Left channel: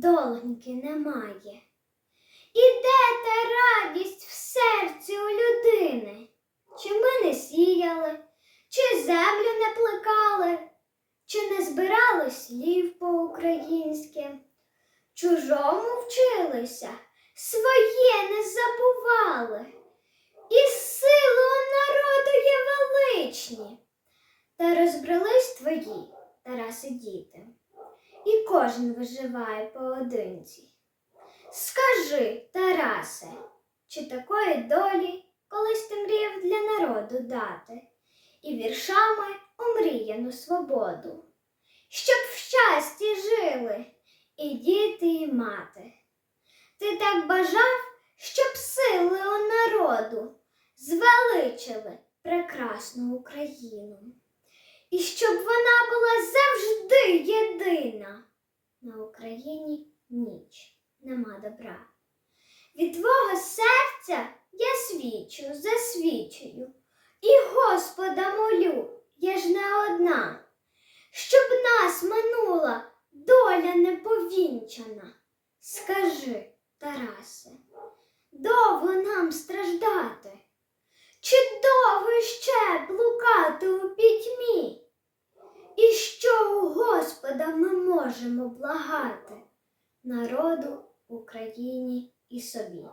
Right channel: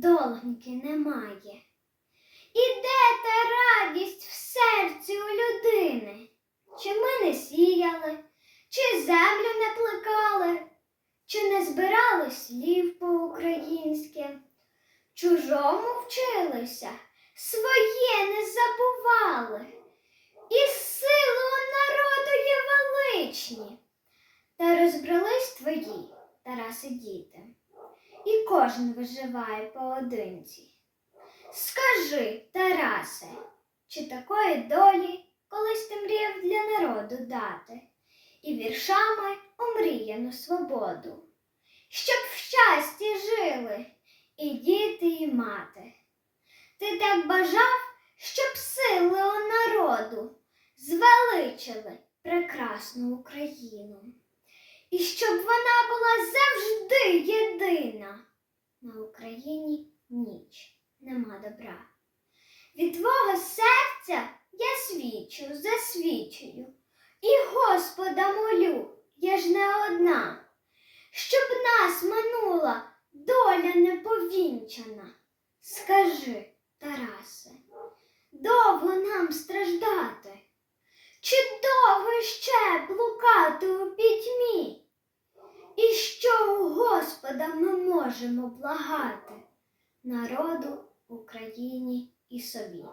доленьки немає. І де та радість в серці у людини? Чи ми не сіяли, чи землю не плекали, чи не збирали слів по-українськи? Чужому вчилися, своє не забували, і сили у народу є величні. Та розбрались твої, Тараси, діти, і кожен виживає поодинці. Скажи, Тарасе, чи такої долі колись ти мріяв для народу дати, і віршами омріяну свободу, щоб в щасті жили і діти, і мати. Ти так бажав, щоб сили у народу звеличили прекрасну Україну, і щоб вона була завжди. На Україні ніч нема добра. Від твого серця я свідчу, засвідчую, і Господа молю, я ж не одна, щоб нас минула доля неповінчана. Скажи, Тарасе, довго нам страждати? Чи довго ще блукати у пітьмі? І що у Господа ми можемо благати народу, Україні і собі?